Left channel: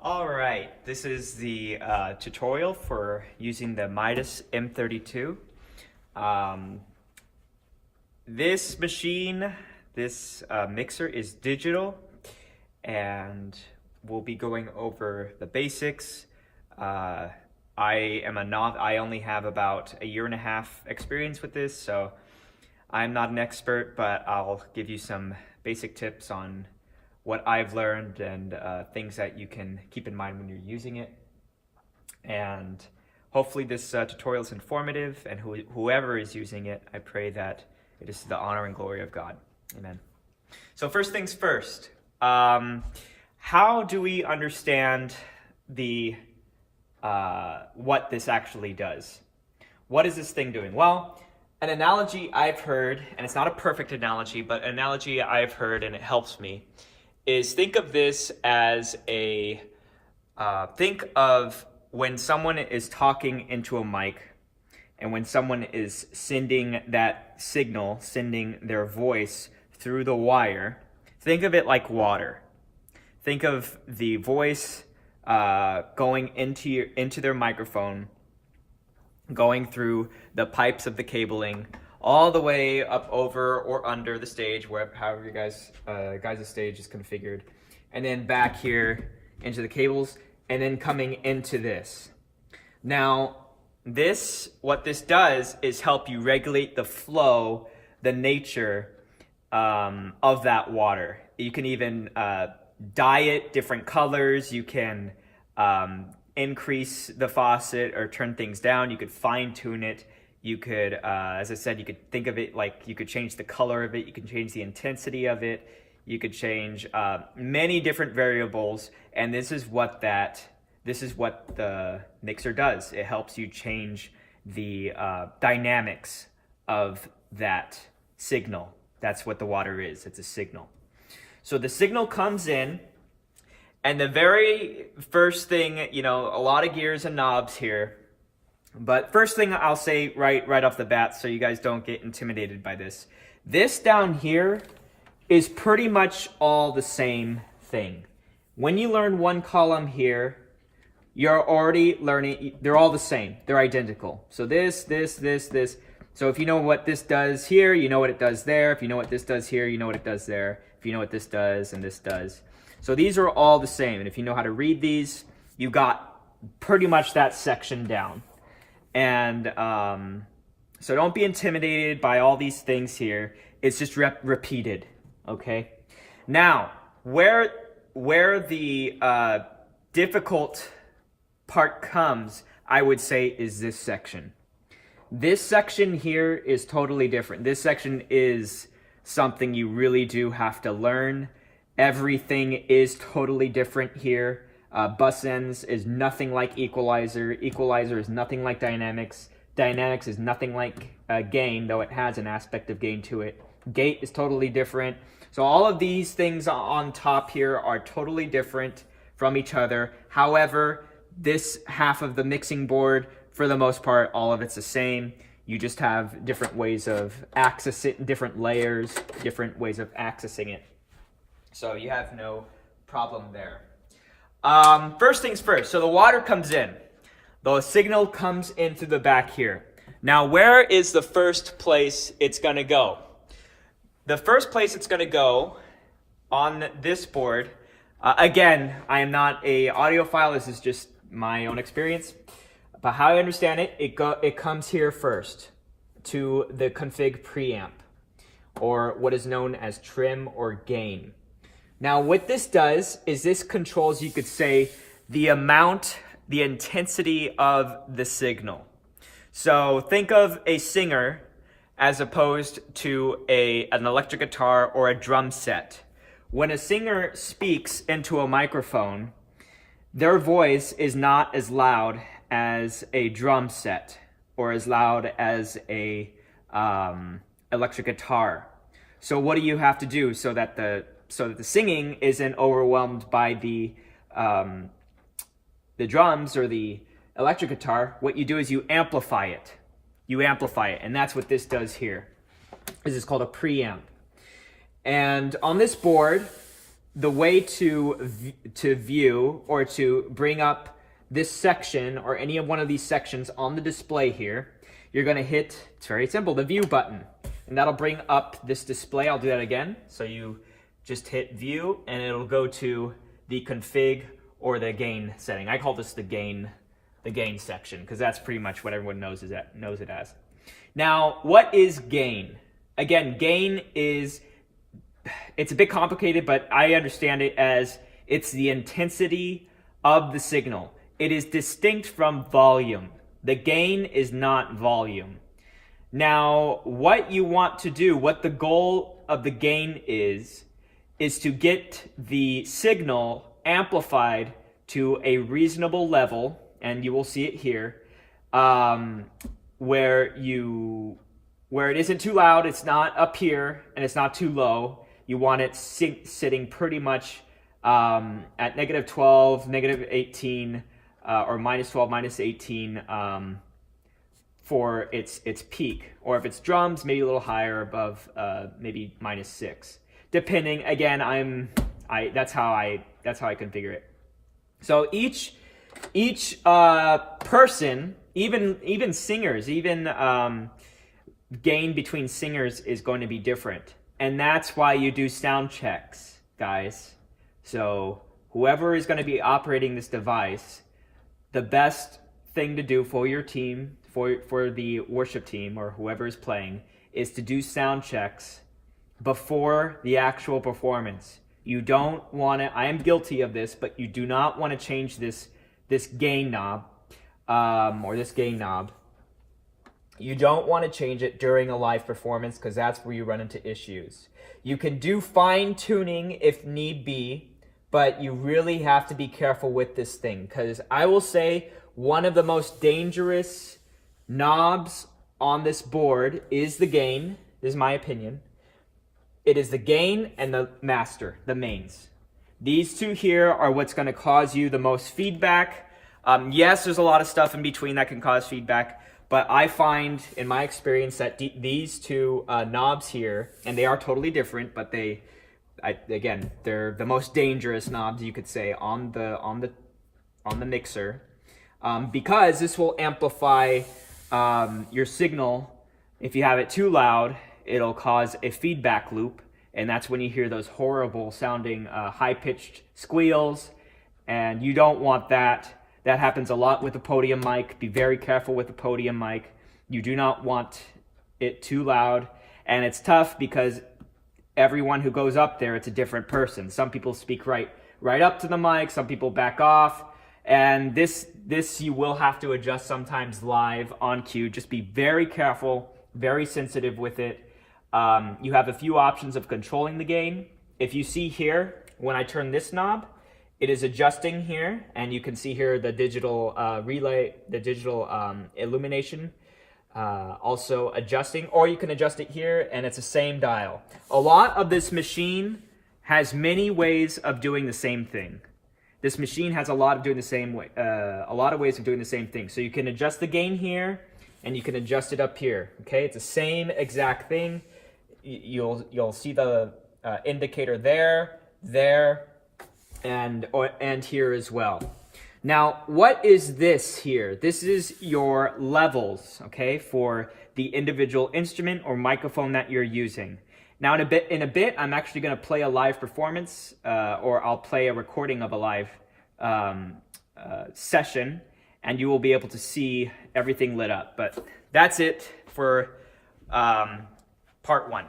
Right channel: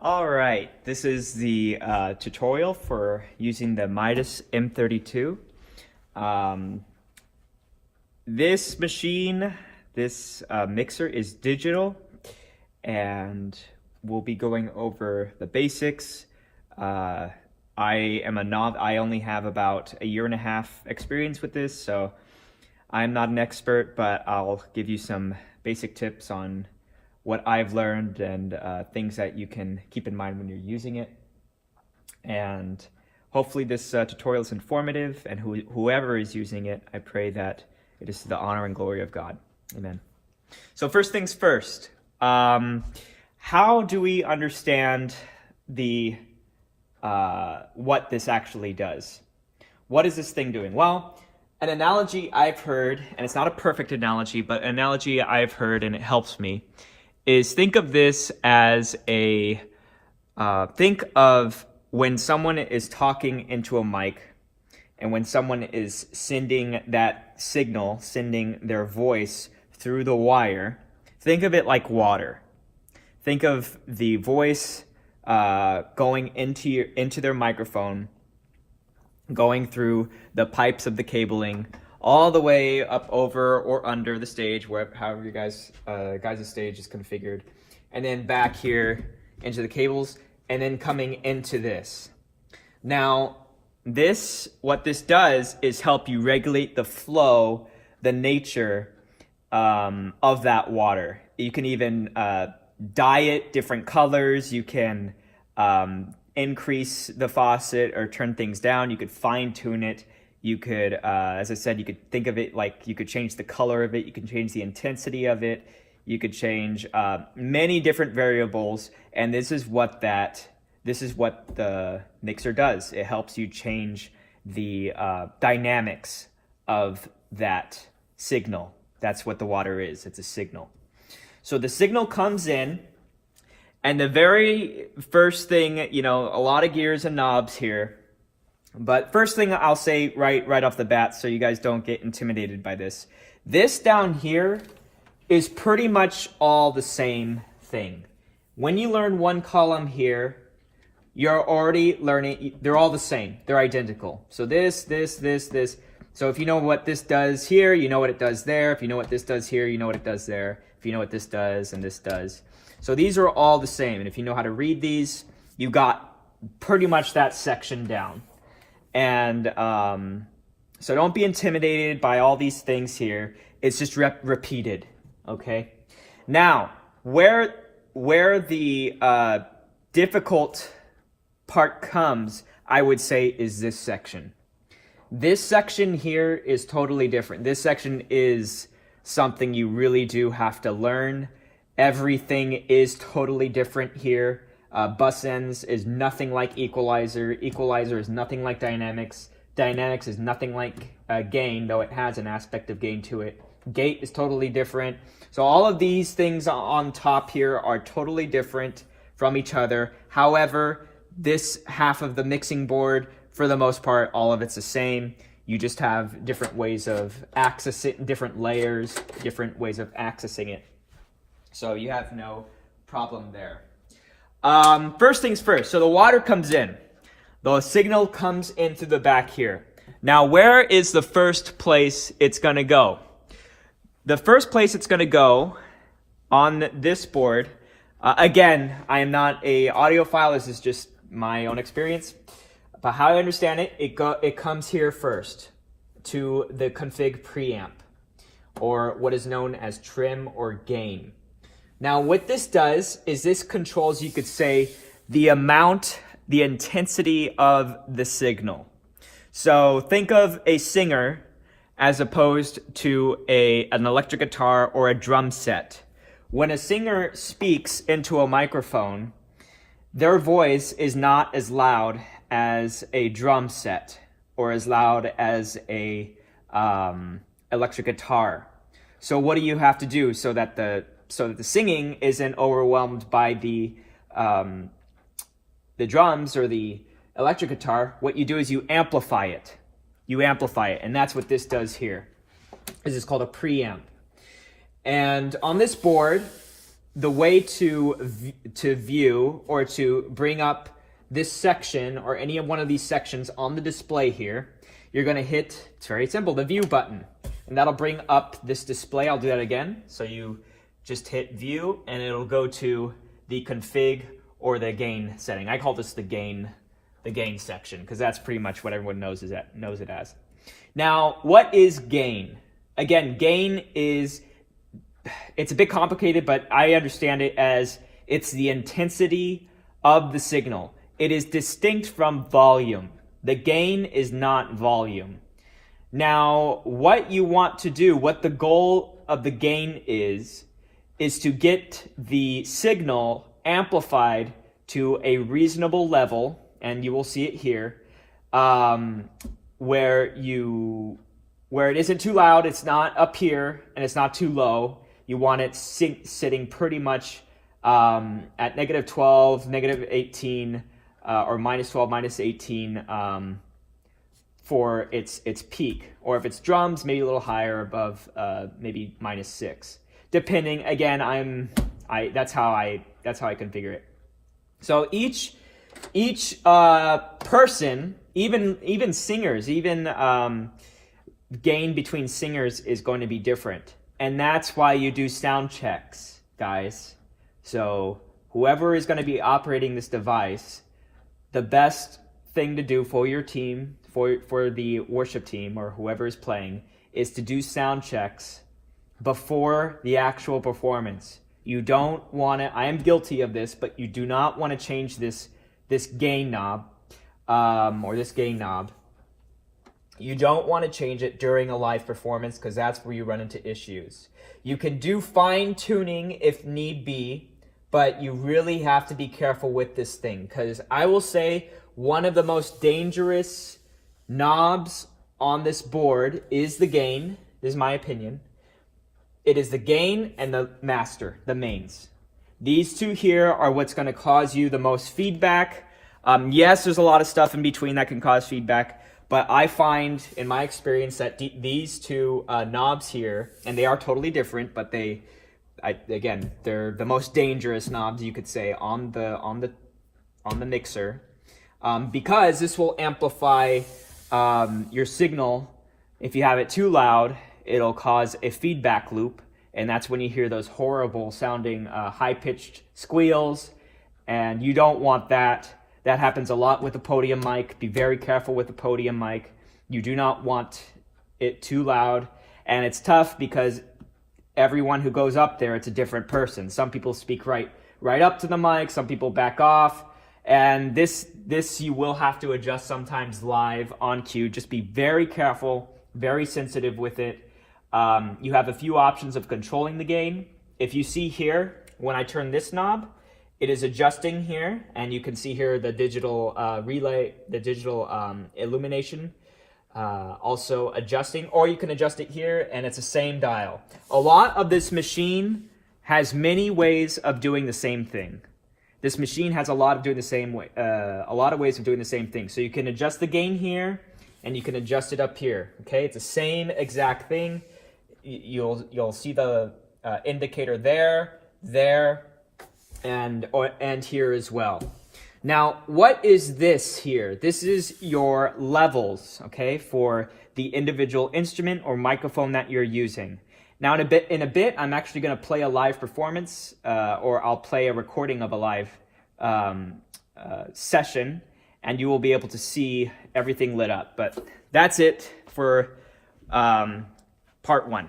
All right, this is the tutorial for using the Midas M32. This machine, this mixer is digital, and we'll be going over the basics. I am a I only have about a year and a half experience with this, so I'm not an expert, but I'll give you some basic tips on what I've learned and things that you can keep in mind when you're using it. And hopefully this tutorial is informative, and whoever is using it, I pray that it is to the honor and glory of God. Amen. So first things first, how do we understand the what this actually does? What is this thing doing? Well, an analogy I've heard, and it's not a perfect analogy, but an analogy I've heard and it helps me, is think of this as think of when someone is talking into a mic and when someone is sending that signal, sending their voice through the wire. Think of it like water. Think of the voice going into their microphone, going through the pipes of the cabling, all the way up over or under the stage, however you guys' stage is configured, and then back here into the cables, and then coming into this. Now, what this does is help you regulate the flow, the nature of that water. You can even dye it different colors. You can increase the faucet or turn things down. You could fine tune it. You could, as I said, you could think of it like you could change the color of it. You can change the intensity of it. You could change many different variables. And this is what the mixer does. It helps you change the dynamics of that signal. That's what the water is. It's a signal. So the signal comes in, and the very first thing, a lot of gears and knobs here. But first thing I'll say right off the bat, so you guys don't get intimidated by this. This down here is pretty much all the same thing. When you learn one column here, you're already learning, they're all the same. They're identical. So this. So if you know what this does here, you know what it does there. If you know what this does here, you know what it does there. If you know what this does and this does. So these are all the same. And if you know how to read these, you got pretty much that section down. And so don't be intimidated by all these things here. It's just repeated, okay? Now, where the difficult part comes, I would say, is this section. This section here is totally different. This section is something you really do have to learn. Everything is totally different here. Bus ends is nothing like equalizer. Equalizer is nothing like dynamics. Dynamics is nothing like gain, though it has an aspect of gain to it. Gate is totally different. So all of these things on top here are totally different from each other. However, this half of the mixing board, for the most part, all of it's the same. You just have different ways of accessing, different layers, different ways of accessing it. So you have no problem there. First things first, so the water comes in. The signal comes in through the back here. Now, where is the first place it's going to go? The first place it's going to go on this board, again, I am not an audiophile, this is just my own experience. But how I understand it, it comes here first to the config preamp, or what is known as trim or gain. Now, what this does is this controls, you could say, the amount, the intensity of the signal. So think of a singer as opposed to an electric guitar or a drum set. When a singer speaks into a microphone, their voice is not as loud as a drum set or as loud as a electric guitar. So what do you have to do so that the singing isn't overwhelmed by the drums or the electric guitar? What you do is you amplify it. And that's what this does here. This is called a preamp. And on this board, the way to view or to bring up this section or any of one of these sections on the display here, you're going to hit, it's very simple, the view button. And that'll bring up this display. I'll do that again. So you just hit view and it'll go to the config or the gain setting. I call this the gain section because that's pretty much what everyone knows it as. Now, what is gain? Again, gain is, it's a bit complicated, but I understand it as it's the intensity of the signal. It is distinct from volume. The gain is not volume. Now, what you want to do, what the goal of the gain is to get the signal amplified to a reasonable level, and you will see it here, where it isn't too loud, it's not up here, and it's not too low. You want it sitting pretty much at -12, -18, or -12, -18 for its peak. Or if it's drums, maybe a little higher above maybe -6. Depending, again, that's how I configure it. So each person, even singers, gain between singers is going to be different. And that's why you do sound checks, guys. So whoever is going to be operating this device, the best thing to do for your team, for the worship team or whoever is playing, is to do sound checks before the actual performance. You don't want to, I am guilty of this, but you do not want to change this gain knob, or this gain knob. You don't want to change it during a live performance because that's where you run into issues. You can do fine tuning if need be, but you really have to be careful with this thing because I will say one of the most dangerous knobs on this board is the gain. This is my opinion. It is the gain and the master, the mains. These two here are what's going to cause you the most feedback. Yes, there's a lot of stuff in between that can cause feedback, but I find in my experience that these two knobs here, and they are totally different, but again, they're the most dangerous knobs you could say on the mixer, because this will amplify your signal. If you have it too loud, it'll cause a feedback loop, and that's when you hear those horrible sounding high-pitched squeals, and you don't want that. That happens a lot with the podium mic. Be very careful with the podium mic. You do not want it too loud, and it's tough because everyone who goes up there, it's a different person. Some people speak right up to the mic, some people back off, and this you will have to adjust sometimes live on cue. Just be very careful, very sensitive with it. You have a few options of controlling the gain. If you see here, when I turn this knob, it is adjusting here, and you can see here the digital relay, the digital illumination also adjusting, or you can adjust it here, and it's the same dial. A lot of this machine has many ways of doing the same thing. This machine has a lot of ways of doing the same thing. So you can adjust the gain here, and you can adjust it up here. Okay, it's the same exact thing. You'll see the indicator there, and here as well. Now, what is this here? This is your levels, okay, for the individual instrument or microphone that you're using. Now, in a bit, I'm actually going to play a live performance, or I'll play a recording of a live session, and you will be able to see everything lit up. But that's it for part one.